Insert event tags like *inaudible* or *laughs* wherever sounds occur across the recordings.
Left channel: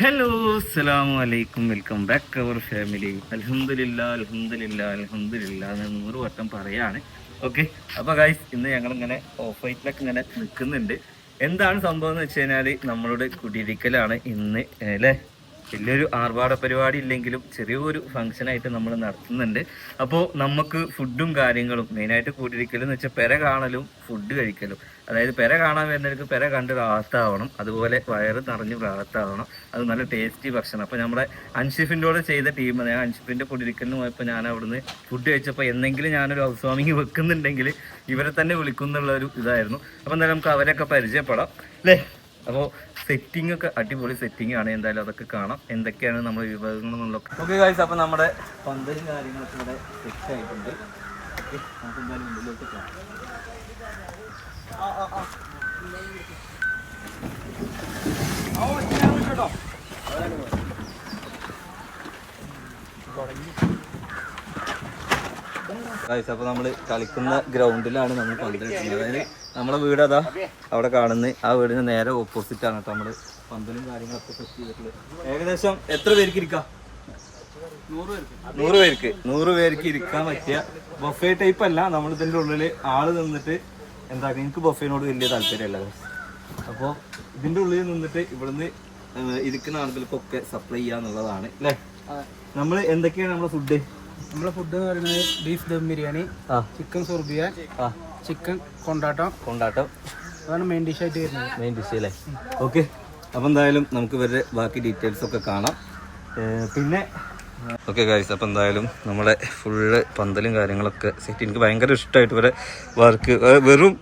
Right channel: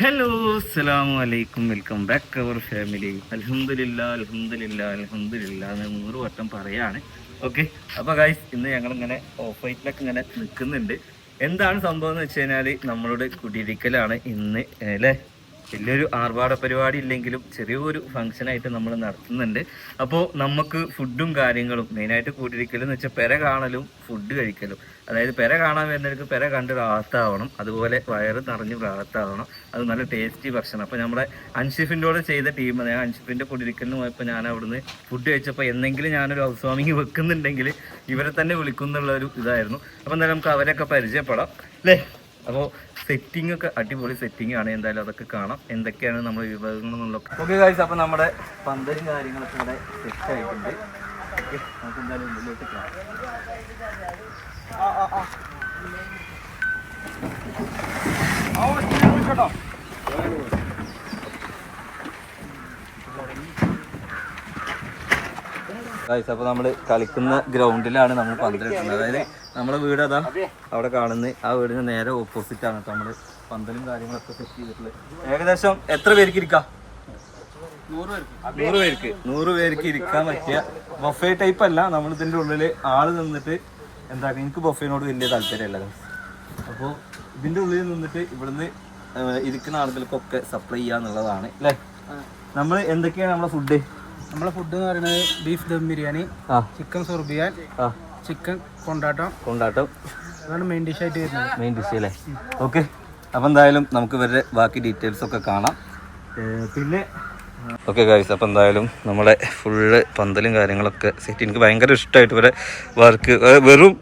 Hello അസ്സലാമു അലൈക്കും welcome back അവർ family അൽഹംദുലില്ലാ അൽഹംദുലില്ലാ അൽഹംദുലില്ലാ എന്ന് നൂറ് വട്ടം പറയാണ്. ഓക്കെ അപ്പൊ ഗൈസ് ഇന്ന് ഞങ്ങൾ ഇങ്ങനെ ഓഫ് വൈറ്റിലൊക്കെ ഇങ്ങനെ നിൽക്കുന്നുണ്ട്. എന്താണ് സംഭവം എന്ന് വെച്ച് കഴിഞ്ഞാൽ നമ്മളുടെ കുടിയിരിക്കലാണ് ഇന്ന് അല്ലേ? വലിയൊരു ആർഭാട പരിപാടി ഇല്ലെങ്കിലും ചെറിയൊരു ഫംഗ്ഷൻ ആയിട്ട് നമ്മൾ നടത്തുന്നുണ്ട്. അപ്പോൾ നമുക്ക് ഫുഡും കാര്യങ്ങളും മെയിനായിട്ട് കൂട്ടിരിക്കലും എന്ന് വെച്ചാൽ പെര കാണലും ഫുഡ് കഴിക്കലും. അതായത് പെര കാണാൻ വരുന്നവർക്ക് പെര കണ്ട് റാഹത്താവണം അതുപോലെ വയറ് നിറഞ്ഞ് റാഹത്താവണം അത് നല്ല ടേസ്റ്റി ഭക്ഷണം. അപ്പോൾ നമ്മുടെ അൻഷിഫിന്റെ കൂടെ ചെയ്ത ടീം ഞാൻ അൻഷിഫിന്റെ കുടിരിക്കലിന് പോയപ്പോൾ ഞാൻ അവിടുന്ന് ഫുഡ് കഴിച്ചപ്പോൾ എന്തെങ്കിലും ഞാനൊരു ഹൗസ് വാമിങ് വെക്കുന്നുണ്ടെങ്കിൽ ഇവരെ തന്നെ വിളിക്കുന്നുള്ള ഒരു ഇതായിരുന്നു. അപ്പോൾ എന്തായാലും നമുക്ക് അവരൊക്കെ പരിചയപ്പെടാം. അല്ലേ? അപ്പോൾ സെറ്റിംഗ് ഒക്കെ അടിപൊളി സെറ്റിംഗ് ആണ്. എന്തായാലും അതൊക്കെ കാണാം. എന്തൊക്കെയാണ് നമ്മുടെ വിഭവങ്ങൾ എന്നുള്ളതൊക്കെ ഓക്കെ കാഴ്ച അപ്പോൾ നമ്മുടെ പന്തലും കാര്യങ്ങളൊക്കെ ഇവിടെ സെറ്റ് ആയിട്ടുണ്ട്. ഓക്കെ നമുക്ക് എന്തായാലും മുന്നോട്ട് കാണാം. ഗായ്സ് അപ്പോൾ നമ്മൾ കളിക്കുന്ന ഗ്രൗണ്ടിലാണ് നമ്മൾ പന്തലിട്ടുള്ളത് അതായത് നമ്മളെ വീട് അതാ അവിടെ കാണുന്ന. ആ വീടിന് നേരെ ഓപ്പോസിറ്റ് ആണ് കേട്ടോ നമ്മൾ പന്തലും കാര്യങ്ങളൊക്കെ സെറ്റ് ചെയ്തിട്ടുള്ളത്. ഏകദേശം എത്ര പേർക്ക് ഇരിക്കാം? നൂറ് പേർക്ക്. നൂറ് പേർക്ക് ഇരിക്കാൻ പറ്റിയ ബൊഫേ ടൈപ്പ് അല്ല. നമ്മൾ ഇതിന്റെ ഉള്ളിൽ ആൾ നിന്നിട്ട് എന്താ എനിക്ക് ബൊഫേനോട് വലിയ താല്പര്യമല്ല അപ്പോൾ ഇതിന്റെ ഉള്ളിൽ നിന്നിട്ട് ഇവിടുന്ന് ഇരിക്കുന്ന ആളുകൾക്കൊക്കെ സപ്ലൈ ചെയ്യാന്നുള്ളതാണ് അല്ലേ നമ്മൾ എന്തൊക്കെയാണ് നമ്മളെ ഫുഡ് നമ്മളെ ഫുഡ് എന്ന് പറയുന്നത് ബീഫ് ദം ബിരിയാണി ആ. ചിക്കൻ സുർബിയാൻ ചിക്കൻ കൊണ്ടാട്ടം. കൊണ്ടാട്ടം. അതാണ് മെയിൻ ഡിഷ് ആയിട്ട് വരുന്നത്. മെയിൻ ഡിഷ് അല്ലേ? ഓക്കെ അപ്പം എന്തായാലും നമുക്ക് ഇവരുടെ ബാക്കി ഡീറ്റെയിൽസ് ഒക്കെ കാണാം. പിന്നെ ഓക്കെ ഗായ്സ് അപ്പം എന്തായാലും നമ്മളെ ഫുള്ള് പന്തലും കാര്യങ്ങളൊക്കെ സെറ്റ് എനിക്ക് ഭയങ്കര ഇഷ്ടമായിട്ട് ഇവരെ വർക്ക് വെറും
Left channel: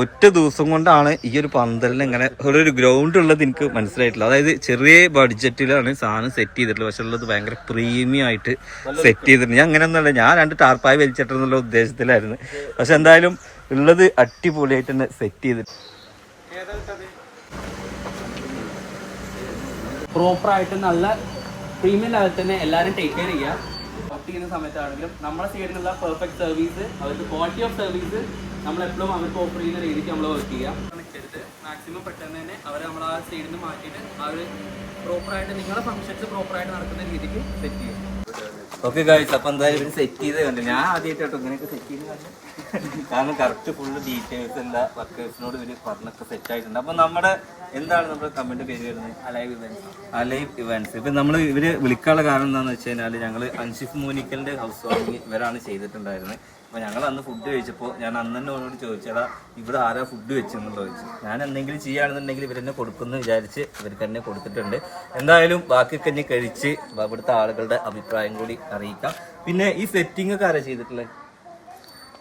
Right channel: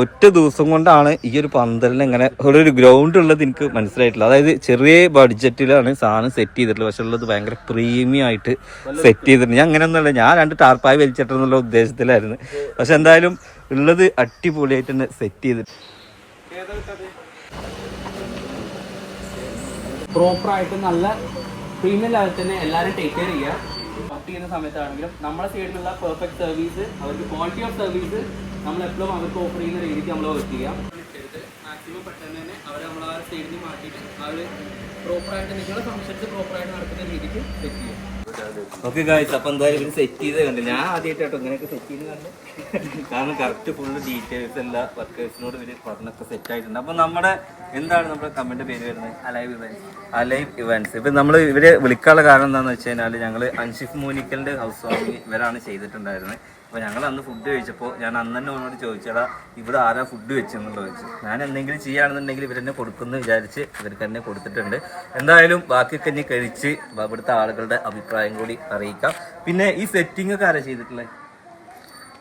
ഒറ്റ ദിവസം കൊണ്ടാണ് ഈ ഒരു പന്തലിന് ഇങ്ങനെ ഒരു ഗ്രൗണ്ട് ഉള്ളത് എനിക്ക് മനസ്സിലായിട്ടില്ല. അതായത് ചെറിയ ബഡ്ജറ്റിലാണ് സാധനം സെറ്റ് ചെയ്തിട്ടുള്ളത്. പക്ഷെ ഉള്ളത് ഭയങ്കര പ്രീമിയം ആയിട്ട് സെറ്റ് ചെയ്തിട്ടുണ്ട്. ഞാൻ അങ്ങനെയൊന്നുമല്ല. ഞാൻ രണ്ട് ടാർപ്പായി വലിച്ചിട്ടെന്നുള്ള ഉദ്ദേശത്തിലായിരുന്നു. പക്ഷെ എന്തായാലും ഉള്ളത് അടിപൊളിയായിട്ട് തന്നെ സെറ്റ് ചെയ്തിട്ട് പ്രോപ്പർ ആയിട്ട് നല്ല പ്രീമിയം ലെവൽ തന്നെ എല്ലാവരും ടേക്ക് കെയർ ചെയ്യുക. വർക്ക് ചെയ്യുന്ന സമയത്താണെങ്കിലും നമ്മുടെ സൈഡിലുള്ള പെർഫെക്റ്റ് സർവീസ് അവർക്ക് ക്വാളിറ്റി ഓഫ് സർവീസ് നമ്മൾ എപ്പോഴും അവർക്ക് ഓഫർ ചെയ്യുന്ന രീതിക്ക് നമ്മൾ വർക്ക് ചെയ്യാം. മാക്സിമം പെട്ടെന്ന് തന്നെ അവർ നമ്മൾ ആ സൈഡിൽ നിന്ന് മാറ്റിയിട്ട് അവർ പ്രോപ്പറായിട്ട് നിങ്ങളുടെ ഫംഗ്ഷൻസ് പ്രോപ്പറായിട്ട് നടക്കുന്ന രീതിക്ക് സെറ്റ് ചെയ്യുക ഓക്കെ ഗായ്സ് അപ്പൊ എന്തായാലും ഇവർ സെറ്റ് ചെയ്ത് കണ്ട്. ഞാൻ ആദ്യമായിട്ടോ ഇങ്ങനെയൊക്കെ സെറ്റ് ചെയ്ത് കണ്ടു. കാരണം കറക്റ്റ് ഫുൾ ഡീറ്റെയിൽസ് എല്ലാ വർക്കേഴ്സിനോട് ഇവർ പറഞ്ഞൊക്കെ സെറ്റ് ആയിട്ടുണ്ട്. അപ്പൊ നമ്മുടെ എന്താണ് നമ്മുടെ കമന്റ് പേര് വരുന്നത്? അലൈവ് ഇവന്റ്സ് അലൈവ് ഇവന്റ്സ് ഇപ്പൊ നമ്മൾ ഇവരെ വിളിക്കാനുള്ള കാരണം എന്താണെന്ന് വെച്ച് കഴിഞ്ഞാൽ ഞങ്ങൾ അൻഷിഫ് മൂനിക്കലിന്റെ ഹൗസ് വാമിങ് ഇവരാണ് ചെയ്തിട്ടുണ്ടായിരുന്നത്. അപ്പൊ ഞങ്ങൾ അന്ന് ഫുഡ് കഴിച്ചപ്പോൾ ഞാൻ അന്ന് തന്നെ അവനോട് ചോദിച്ചടാ ഇവിടെ ആരാ ഫുഡ് വെച്ചെന്നുള്ളത് ചോദിച്ചു. ഞാൻ എന്തെങ്കിലും ചെയ്യുകയാണെന്നുണ്ടെങ്കിൽ ഇവരെന്നെ കൊടുക്കുമെന്ന് വിചാരിച്ച് ഇവർക്ക് തന്നെ കൊടുത്തിട്ടുണ്ട്. എന്തായാലും ബാക്കി ഇനി കഴിച്ച് ഇവിടുത്തെ ആളുകളുടെ അഭിപ്രായം കൂടി അറിയിക്കാം. പിന്നെ ഈ സെറ്റിംഗ് ഒക്കെ ആരാ ചെയ്തിട്ടുള്ളത്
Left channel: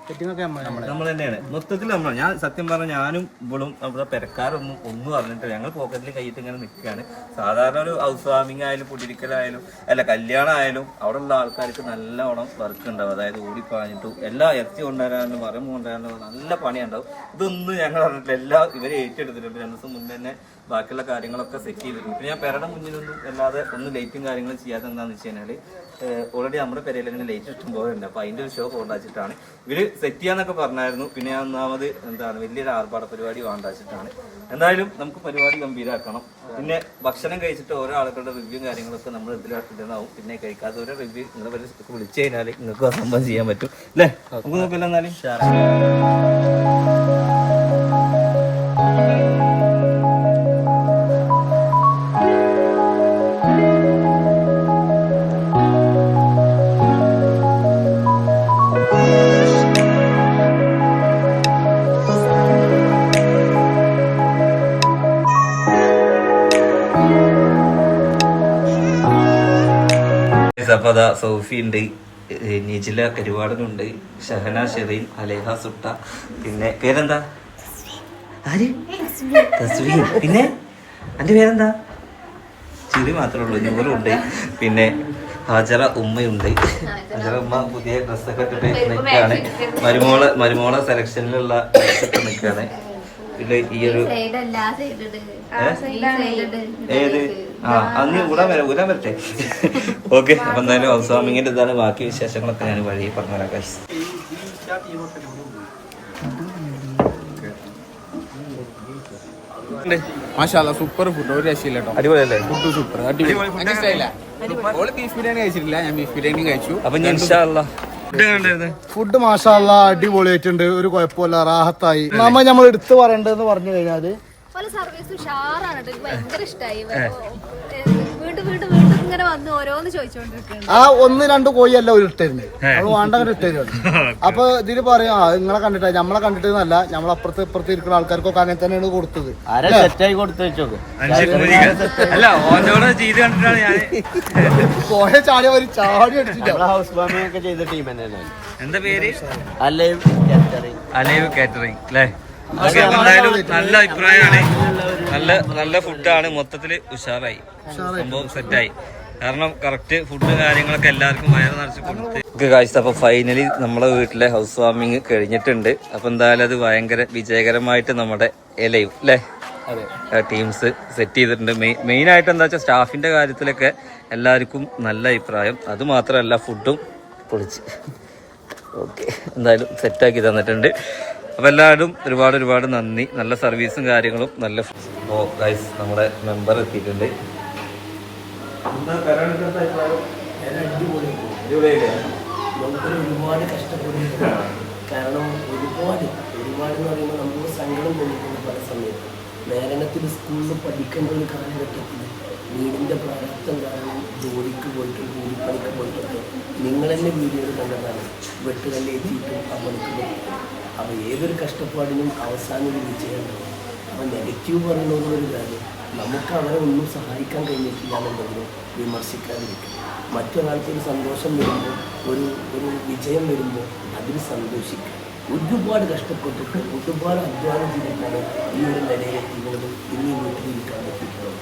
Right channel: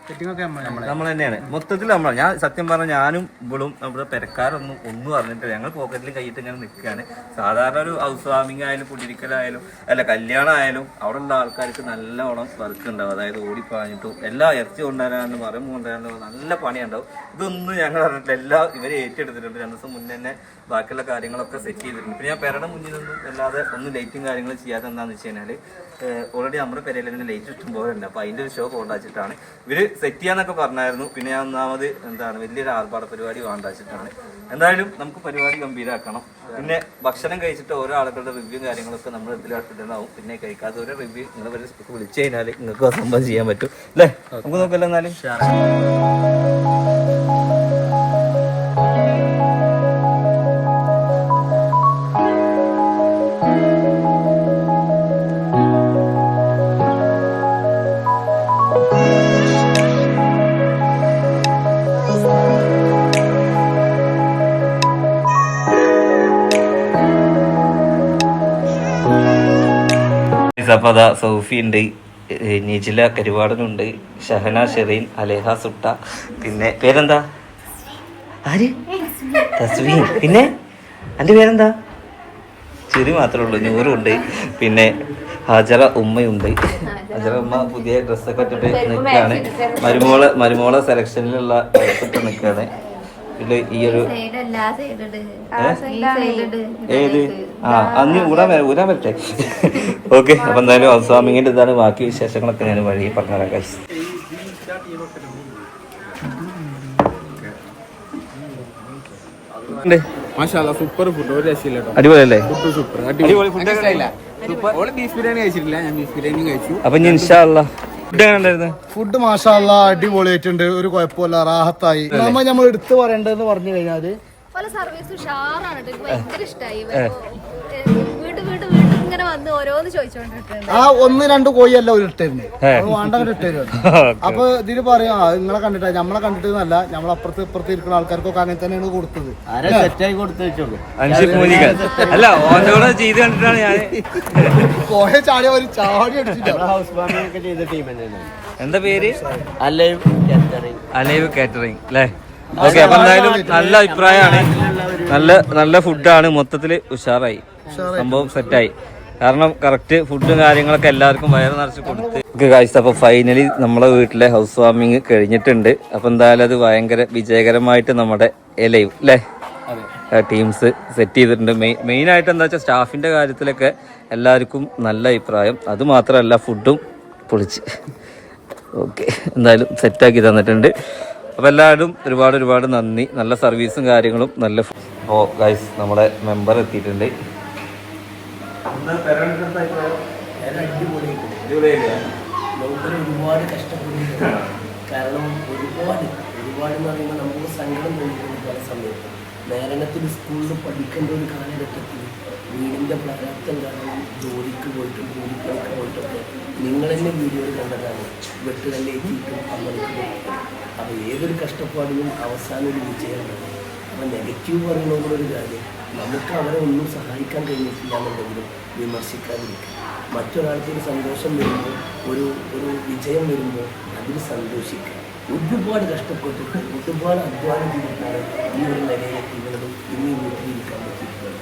നമ്മൾ മൊത്തത്തിൽ നമ്മളാണ് ഞാൻ സത്യം പറഞ്ഞ ഞാനും ഇവളും നമ്മുടെ പെരക്കാരൊന്നും ഒന്നും അറിഞ്ഞിട്ടില്ല. ഞങ്ങൾ പോക്കറ്റിൽ കൈയിട്ട് ഇങ്ങനെ നിൽക്കുകയാണ് സാധാരണ ഒരു ഹൗസ് വാമിംഗ് ആയാലും കുടിയിരിക്കലായാലും അല്ല കല്യാണം ആയാലും അവിടെ ഉള്ള ആൾക്കാർക്ക് നല്ലോണം വർക്ക് ഉണ്ടാവും. അതായത് ഓടിപ്പാഞ്ഞിട്ടും എല്ലാ ഇറച്ചി കൊണ്ടുവരാനും മരം കൊണ്ടുവരാനും നല്ല പണിയുണ്ടാവും. ഇതൊന്നും ഞങ്ങൾ അറിഞ്ഞിട്ടില്ല. എല്ലാം ഇവരെ ഏറ്റെടുത്തിട്ടുണ്ട്. രണ്ടു ദിവസം മുന്നേ തന്നെ ബാക്കിയുള്ള കാര്യങ്ങളൊക്കെ സെറ്റ് ചെയ്തിട്ടുണ്ട്. പിന്നെ ഞാൻ പെരയുടെ മുന്നിലൊന്നും അല്ലാതെ ഒന്നും ലൈറ്റും കാര്യങ്ങളും ചെയ്യാത്ത എന്താണെന്ന് വെച്ച് കഴിഞ്ഞാൽ ഓൾറെഡി നമ്മുടെ പെരയിൽ തന്നെ ലൈറ്റ് ഇഷ്ടം പോലെ ഉണ്ട്. അപ്പോൾ അതിന്റെ ഒരു ഷോ കൊണ്ടാച്ചിട്ടാണ് ഇവർ സെറ്റ് ചെയ്യാന്നൊക്കെ പറഞ്ഞായിരുന്നു. പിന്നെ ഞാൻ ഒന്നാമത് എന്താണ് വലിയൊരു ആർഭാട പരിപാടി വേണ്ടാച്ചിട്ടാണ് എന്തായാലും നമുക്ക് പരിപാടി ഗംഭീരാക്കണം. പിന്നെ ഭക്ഷണം കഴിച്ചിട്ട് ഓരോ ആളുകളുടെ റിവ്യൂ കാര്യങ്ങളൊക്കെ നമ്മൾ ഇതിലിടുന്നതാവും പിന്നെ കഴിക്കാത്ത ഓരോ റിവ്യൂ നിങ്ങൾ വിളിച്ചു കഴിഞ്ഞാൽ നിങ്ങൾക്ക് സംഭവം ചെയ്യാൻ പറ്റും. അല്ലേ? നമുക്ക് നോക്കല്ലോ എന്നാലും അതാ സൗഫി ഉണ്ട് നിജില കരുവാടനുണ്ട് ഷഹന ഷെറീൻ അലേഹ സുട്ട പിന്നെ പേരെന്താ? ആര്? തസ്വീൻ. പിന്നെ? എന്റെ പേരെന്താ? ചിരി മാത്രമേ ഉള്ളൂ നൂറും ഉണ്ട് പിന്നെ ഹജറ ഉമ്മയുണ്ട്. ഹജറ ഉമ്മ പുതിയ ഡ്രസ്സൊക്കെ ഇട്ടിട്ട് നിൽക്കുകയാണ് മരുമോളെ മരുമോളെ സെലക്ഷനിലുള്ള ഡ്രസ്സൊക്കെ നിൽക്കുകയാണ് ഇത് ഈ ഒരു? ഏത്? ആ അന്ന് ഊരാൻ വരാം ഊരാൻ വരട്ടെ. ഓക്കെ അപ്പൊ എന്തായാലും അവസാമിങ്ങിന്റെ ഇതാണ് ബാക്കി വിശേഷങ്ങളൊക്കെ ഞാൻ വഴി പറഞ്ഞുതരാം മാഷാല്ല സൂപ്പർ ഫുഡ് ഒരു രക്ഷയില്ല കേട്ടോ. അടിപൊളിയല്ലേ? ഫുഡ് സൂപ്പർ അടിപൊളി. ഫുഡ് ബീഫ് ബിരിയാണി കഴിച്ചിട്ടില്ല. ഞാൻ ബീഫ് ബിരിയാണി കഴിച്ചു. അപ്പൊ ഞാൻ ഫുഡ് മാഷാല്ല അടിപൊളി ആയിട്ടുണ്ട് മാഷാല്ല അടിപൊളിയായിട്ടുണ്ട്. ഒരു കുഴപ്പമില്ല റാഹത്തായി. നമ്മ നമ്മൾ എടുത്തു പറയേണ്ടതെന്ന് പറഞ്ഞു കഴിഞ്ഞാൽ പല സർവീസ് ഉഷാറാണ് ഭയങ്കര ഇഷ്ടമായി വന്ന് ഓരോന്ന് ആ ഒന്ന് രണ്ട് കോഴിയല്ല ഒരു ഇട്ടരുന്നത് അത് വേണ്ടങ്ങനെ ഇട്ടരുത് *laughs* അപ്പൊ ഇതിൽ പറയാ ആ, നിങ്ങളെ കണ്ടിട്ടാ നമ്മളെ കണ്ടിട്ടല്ല നമ്മളെ അപ്പുറത്ത് ഇപ്പുറത്ത് ഇരിക്കുന്ന ആൾക്കാർക്കൊക്കെ അങ്ങനെ തന്നെയാണ് കൊടുത്തത്. അല്ല? ഓനോട് ചെയ്ത് കണ്ടിട്ടാണ് ഞാൻ *laughs* കോഴ ചാടി ഒരു ചാടി അടിച്ചിട്ടില്ല എന്താ പേര്? അലൈവ് കാറ്ററിംഗ് അല്ലേ? ഓക്കെ അപ്പൊ എന്തായാലും നല്ല അഭിപ്രായമാണ്. നല്ല നല്ല ഫുഡാണ് മൊത്തത്തിൽ ഉഷാറായി. സംഭവം സെറ്റായി കാരണം കറക്റ്റ് ഫുഡും കാര്യങ്ങളൊക്കെ എല്ലാവർക്കും വയറ് നിറച്ച് കൊടുത്ത്. കാഴ്ച അപ്പൊ ഫൈനലി നമ്മളെ വീട്ടിലെ ഹൗസ് വാമിങ് കഴിഞ്ഞിട്ടുണ്ട്. അപ്പൊ എന്തായാലും അത് ഭയങ്കര വിജയകരമായിട്ട് നമ്മുടെ എലയും അല്ലേ ടീംസ് സെറ്റ് ചെയ്തിട്ടുണ്ട്. മെയിൻ ആയിട്ട് എന്താ വെച്ചാൽ സ്റ്റാഫിന്റെ കാര്യത്തിലൊക്കെ എല്ലാവർക്കും നല്ല അഭിപ്രായം. അത് മാത്രമല്ല ഫുഡും പൊളിച്ച്. ഓക്കെ എന്തായാലും സെറ്റാക്കി തന്നിട്ടുണ്ട്. അപ്പോൾ എല്ലാവരും ഒരുപാട് ഒരുപാട് നന്ദി. നല്ല സർവീസും കാര്യങ്ങളും നല്ല അപ്പോൾ ഗൈസ് നമ്മുടെ മെമ്പർ എത്തിയിട്ടുണ്ട്. നമുക്കൊരു ഒരുപാട് കഷ്ടപ്പെടുന്നുണ്ട്. കാരണം ഒരുപാട് ഒരുപാട് എന്ന് പറയുമ്പോൾ നമുക്ക് സങ്കടം തോന്നിയിട്ടുണ്ട് പല സമയത്ത്. നേരണത്തിൽ സ്കൂളിൽ പഠിക്കേണ്ട ഒരു കാലഘട്ടത്തിൽ വീടിന്റെ പ്രാരാബ്ദം കാരണം ജോലിക്ക് പോയിട്ടും കൂലിപ്പണിക്ക് പോയിട്ടൊക്കെ നിങ്ങൾ തന്നെ വീഡിയോയിൽ കണ്ടതാണ്. വെട്ടുകല്ലേറ്റിയിട്ടും ആ പണിക്ക് പോയിട്ട്. അപ്പോൾ ഏതൊരു കഷ്ടപ്പാടിനും അവസാനം ഒരു വിജയം ഉണ്ടാവും അപ്പോൾ നെഗറ്റീവ് പറയണമെന്നുള്ളൊരു കാര്യം. നമുക്ക് അവരെ ഒന്നും സഹായിക്കാൻ കഴിഞ്ഞിട്ടില്ല എന്നുണ്ടെങ്കിലും വിമർശിക്കാതിരിക്കുക. മറ്റൊരാൾക്ക് ഒരു സന്തോഷം വരുമ്പോൾ ഒരു ഒരു വിജയം വരുമ്പോൾ അതിൽ സന്തോഷിക്കുക. ഒരുപാട് കഷ്ടപ്പെട്ടിട്ട് ഒരുപാട് അധ്വാനം ചെയ്തിട്ടാണ് ഈ ഒരു നിലയിലെത്തിക്കുന്നതും ഇന്ന് ഈ വീട്ടിലിരിക്കാൻ പറ്റിയിട്ടുള്ളത്.